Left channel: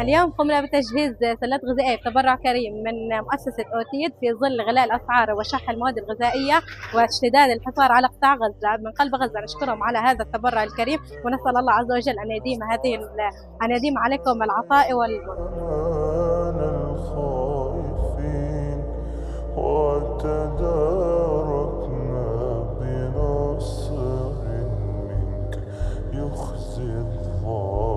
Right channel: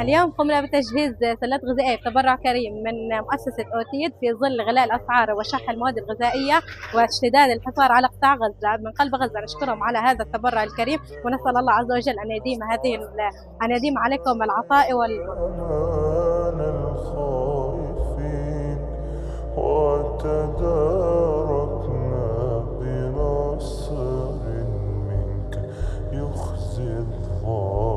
اليوم قمنا بتجهيز سلات غذائية بتبرع كريم من مؤسسة أوتيد في ظل غلاء الأسعار وشح المواد الغذائية واشتداد الحصار على قطاع غزة. من قلب غزة نشكرهم على هذا التبرع الكريم، ونسأل الله عز وجل أن يديم عليكم العطاء والمنع. أمان الخائفين وتداركنا بنصر منك يخزي الظالمين.